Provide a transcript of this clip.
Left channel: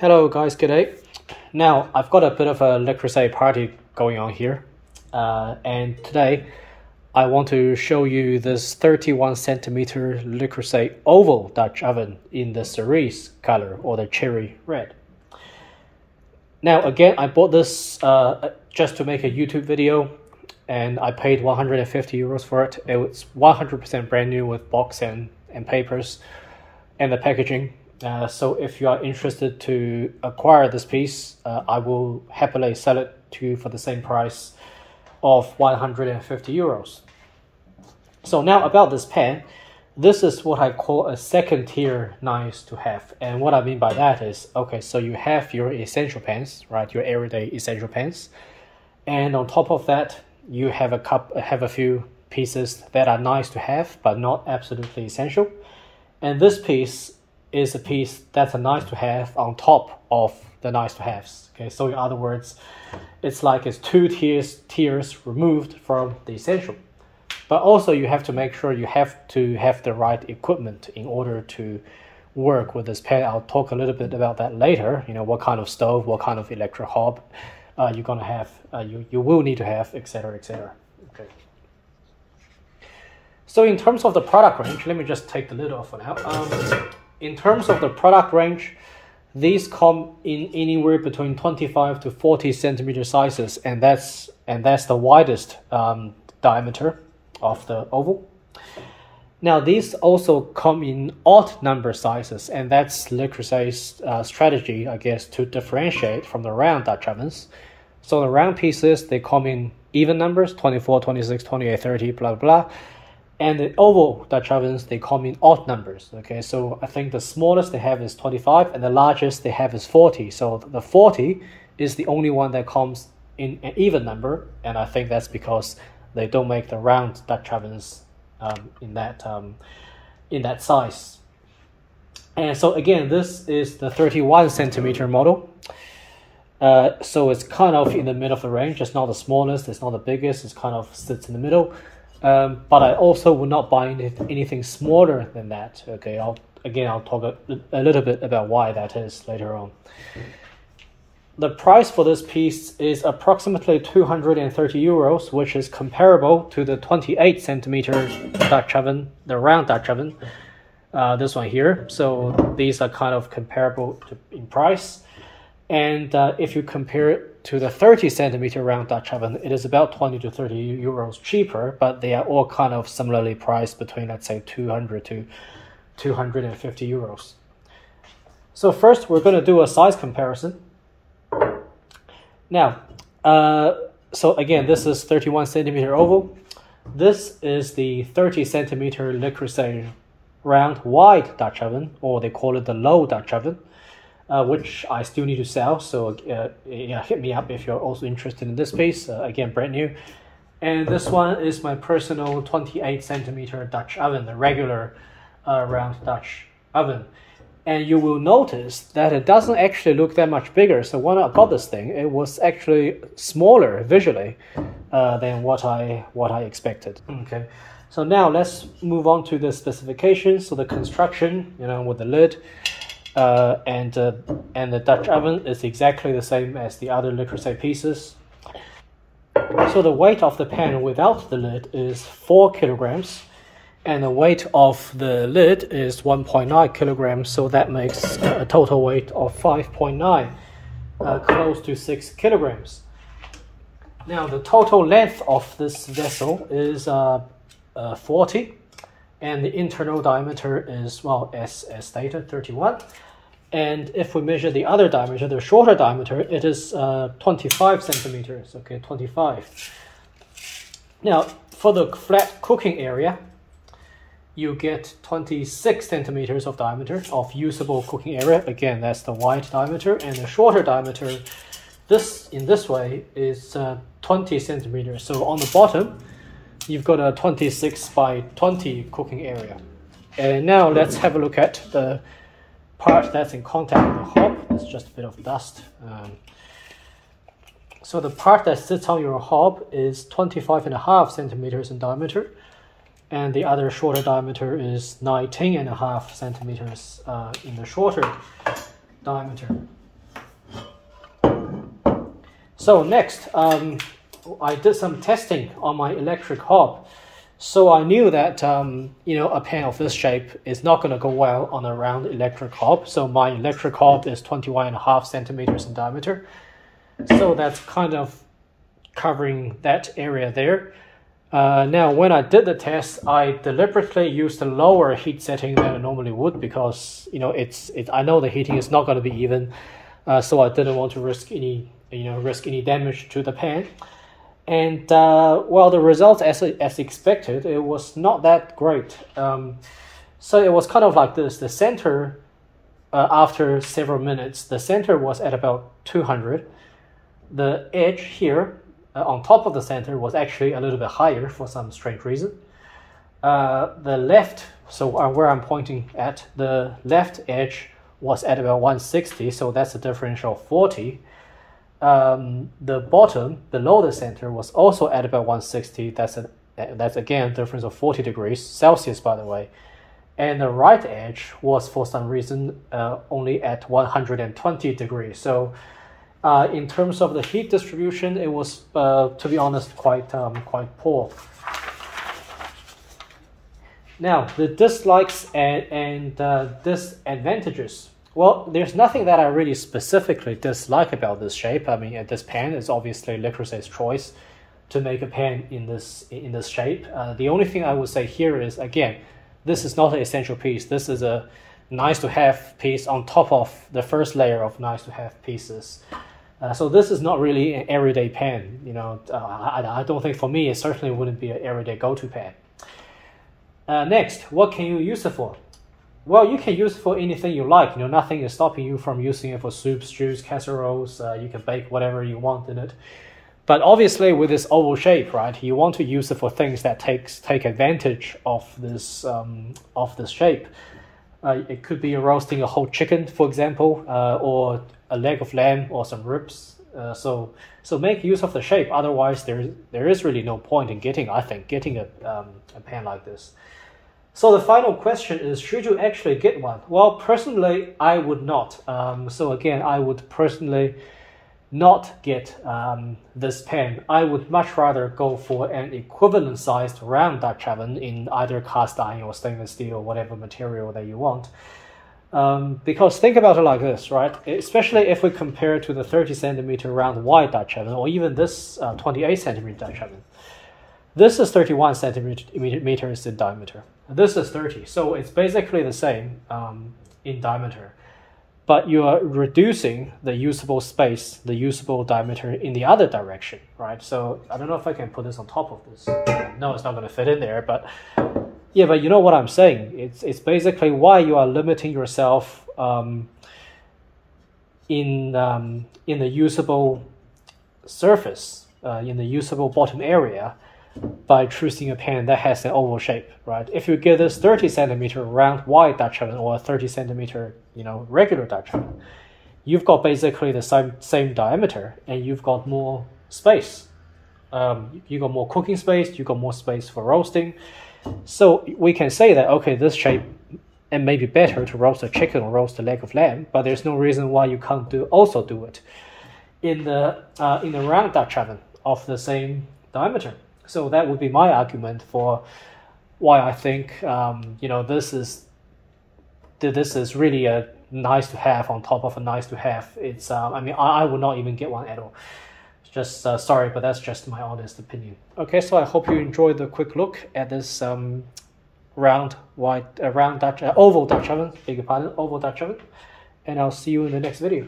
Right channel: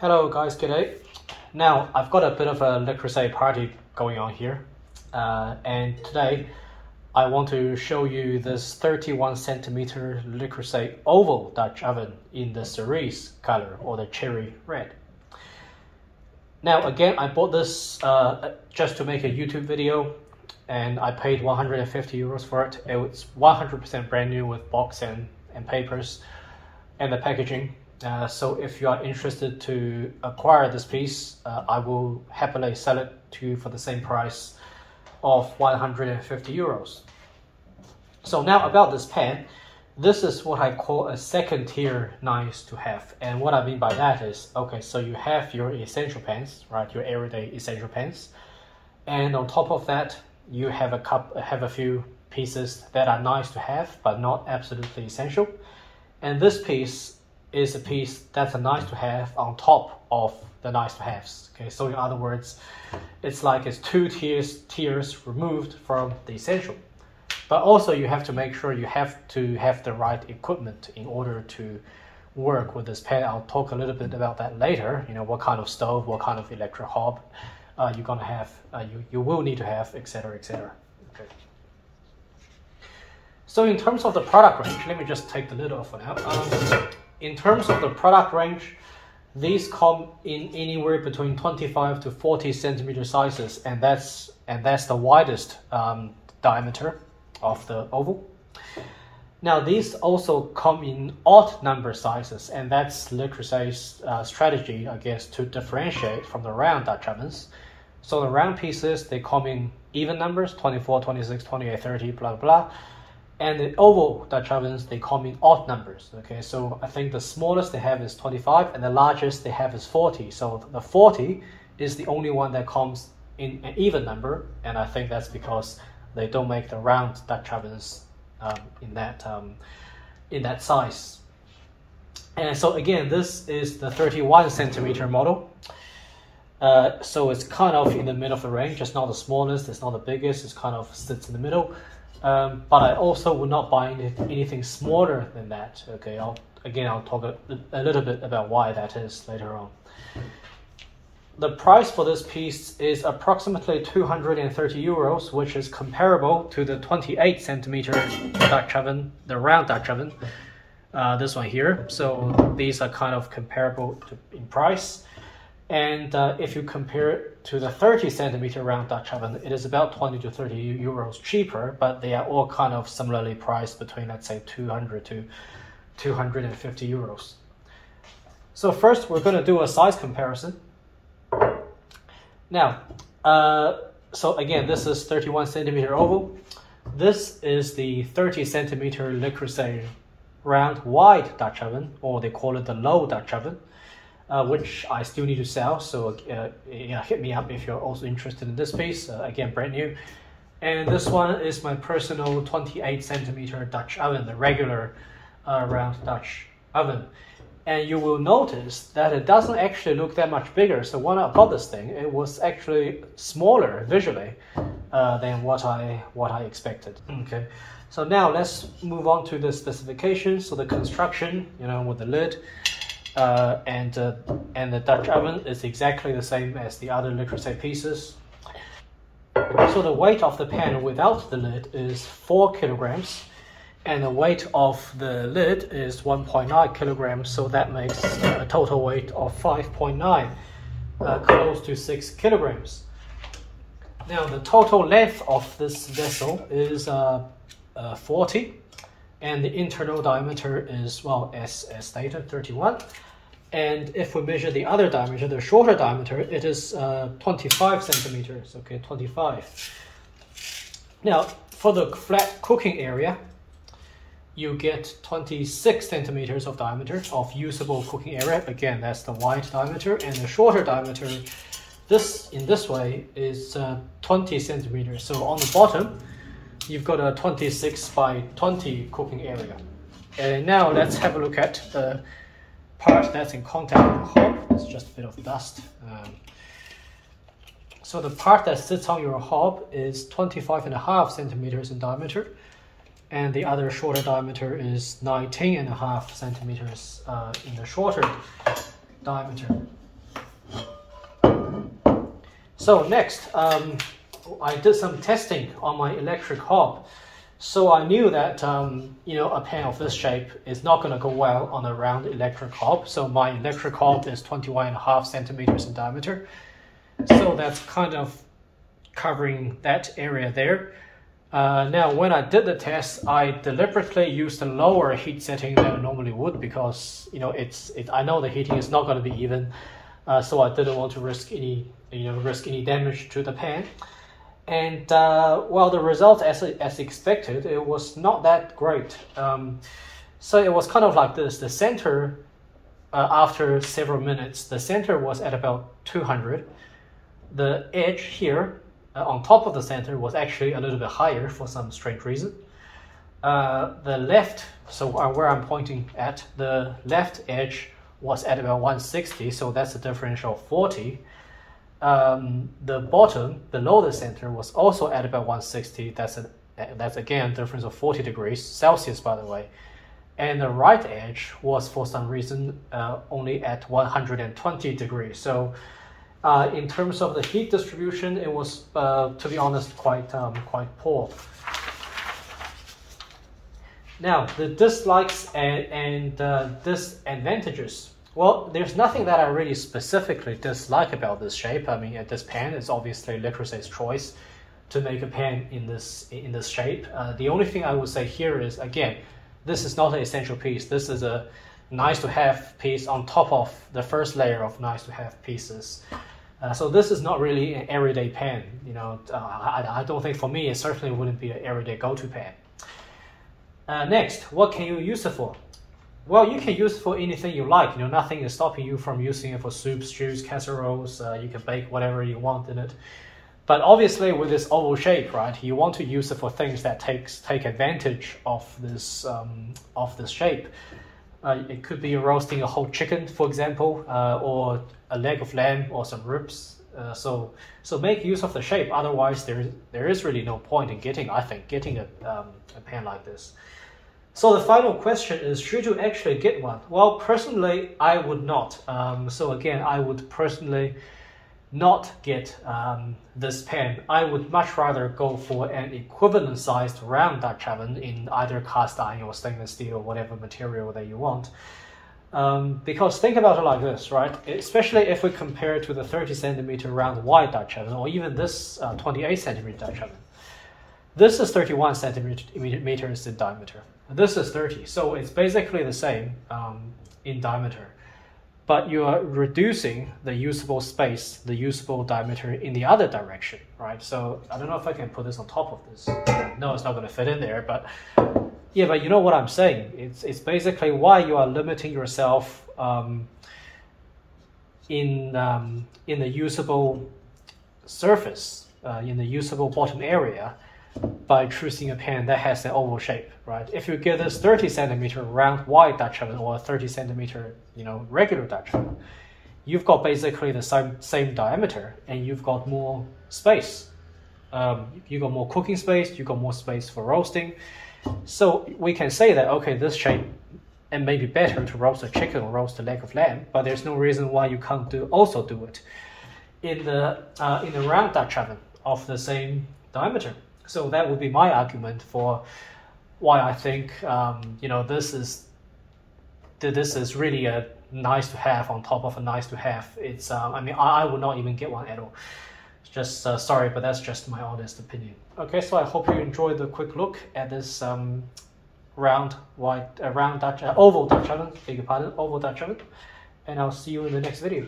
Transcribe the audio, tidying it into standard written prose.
Hello guys, good day. Now I've got a bit of a Le Creuset party going on here, and today I want to show you this 31 centimeter Le Creuset oval Dutch oven in the cerise color or the cherry red. Now again, I bought this just to make a YouTube video, and I paid 150 euros for it. It was 100% brand new with box and papers and the packaging. So if you are interested to acquire this piece, I will happily sell it to you for the same price of 150 euros. So now about this pan, this is what I call a second tier nice to have. And what I mean by that is, okay, so you have your essential pans, right? Your everyday essential pans. And on top of that, you have a few pieces that are nice to have, but not absolutely essential. And this piece is a piece that's a nice to have on top of the nice to haves. Okay, so in other words, it's like it's two tiers removed from the essential. But also you have to make sure you have to have the right equipment in order to work with this pan. I'll talk a little bit about that later. You know, what kind of stove, what kind of electric hob you're gonna have, you will need to have, etc., etc. Okay. So in terms of the product range, let me just take the lid off for now. In terms of the product range, these come in anywhere between 25 to 40 centimeter sizes, and that's the widest diameter of the oval. Now these also come in odd number sizes, and that's Le Creuset's strategy, I guess, to differentiate from the round Dutch ovens. So the round pieces, they come in even numbers, 24, 26, 28, 30, blah, blah. And the oval Dutch ovens, they come in odd numbers, okay? So I think the smallest they have is 25, and the largest they have is 40. So the 40 is the only one that comes in an even number, and I think that's because they don't make the round Dutch ovens in that size. And so again, this is the 31 centimeter model. So it's kind of in the middle of the range. It's not the smallest, it's not the biggest, it's kind of sits in the middle. But I also will not buy anything smaller than that. Okay, I'll talk a little bit about why that is later on. The price for this piece is approximately 230 euros, which is comparable to the 28 centimeter Dutch oven, the round Dutch oven, this one here. So these are kind of comparable in price. And if you compare it to the 30 centimeter round Dutch oven, it is about 20 to 30 euros cheaper, but they are all kind of similarly priced between, let's say, 200 to 250 euros. So first, we're going to do a size comparison. Now, so again, this is 31 centimeter oval. This is the 30 centimeter Le Creuset round wide Dutch oven, or they call it the low Dutch oven. Which I still need to sell, so hit me up if you're also interested in this piece. Again, brand new. And this one is my personal 28 centimeter Dutch oven, the regular round Dutch oven. And you will notice that it doesn't actually look that much bigger. So when I bought this thing, it was actually smaller visually than what I expected. Okay, so now let's move on to the specifications. So the construction, you know, with the lid. And the Dutch oven is exactly the same as the other Le Creuset pieces. So the weight of the pan without the lid is 4 kilograms, and the weight of the lid is 1.9 kilograms, so that makes a total weight of 5.9, close to 6 kilograms. Now the total length of this vessel is 40, and the internal diameter is, well, as stated, 31. And if we measure the other diameter, the shorter diameter, it is 25 centimeters, okay, 25. Now, for the flat cooking area, you get 26 centimeters of diameter of usable cooking area. Again, that's the wide diameter, and the shorter diameter, in this way, is 20 centimeters. So on the bottom, you've got a 26 by 20 cooking area. And now let's have a look at the part that's in contact with the hob. It's just a bit of dust. So the part that sits on your hob is 25.5 centimeters in diameter, and the other shorter diameter is 19.5 centimeters in the shorter diameter. So next, I did some testing on my electric hob. So I knew that a pan of this shape is not going to go well on a round electric hob. So my electric hob is 21.5 centimeters in diameter. So that's kind of covering that area there. Now, when I did the test, I deliberately used a lower heat setting than I normally would because I know the heating is not going to be even, so I didn't want to risk any damage to the pan. And well, the results as expected, it was not that great. So it was kind of like this. The center, after several minutes, the center was at about 200. The edge here, on top of the center, was actually a little bit higher for some strange reason. The left, so where I'm pointing at, the left edge was at about 160, so that's a differential of 40. The bottom, below the center, was also at about 160. That's again a difference of 40 degrees Celsius, by the way. And the right edge was, for some reason, only at 120 degrees. So in terms of the heat distribution, it was, to be honest, quite poor. Now, the dislikes and disadvantages. Well, there's nothing that I really specifically dislike about this shape. I mean, this pan is obviously Le Creuset's choice to make a pan in this shape. The only thing I would say here is, again, this is not an essential piece. This is a nice-to-have piece on top of the first layer of nice-to-have pieces. So this is not really an everyday pan. I don't think, for me, it certainly wouldn't be an everyday go-to pan. Next, what can you use it for? Well, you can use it for anything you like. Nothing is stopping you from using it for soups, stews, casseroles. You can bake whatever you want in it. But obviously, with this oval shape, right, you want to use it for things that take advantage of this shape. It could be roasting a whole chicken, for example, or a leg of lamb or some ribs. So make use of the shape. Otherwise, there is really no point in getting a pan like this. So the final question is, should you actually get one? Well, personally, I would not. So again, I would personally not get this pan. I would much rather go for an equivalent sized round Dutch oven in either cast iron or stainless steel or whatever material that you want. Because think about it like this, right? Especially if we compare to the 30 centimeter round wide Dutch oven or even this 28 centimeter Dutch oven. This is 31 centimeters in diameter. This is 30, so it's basically the same in diameter. But you are reducing the usable space, the usable diameter in the other direction, right? So I don't know if I can put this on top of this. No, it's not going to fit in there, but yeah, but you know what I'm saying. It's basically why you are limiting yourself in the usable surface, in the usable bottom area, by choosing a pan that has an oval shape, right? If you get this 30 centimeter round wide Dutch oven or a 30 centimeter, regular Dutch oven, you've got basically the same diameter and you've got more space. You got more cooking space, you got more space for roasting. So we can say that, okay, this shape and maybe better to roast a chicken or roast a leg of lamb, but there's no reason why you can't also do it in the round Dutch oven of the same diameter. So that would be my argument for why I think this is really a nice to have on top of a nice to have. It's I mean, I would not even get one at all. Just sorry, but that's just my honest opinion. Okay, so I hope you enjoyed the quick look at this oval Dutch oven, beg your pardon, oval Dutch oven, and I'll see you in the next video.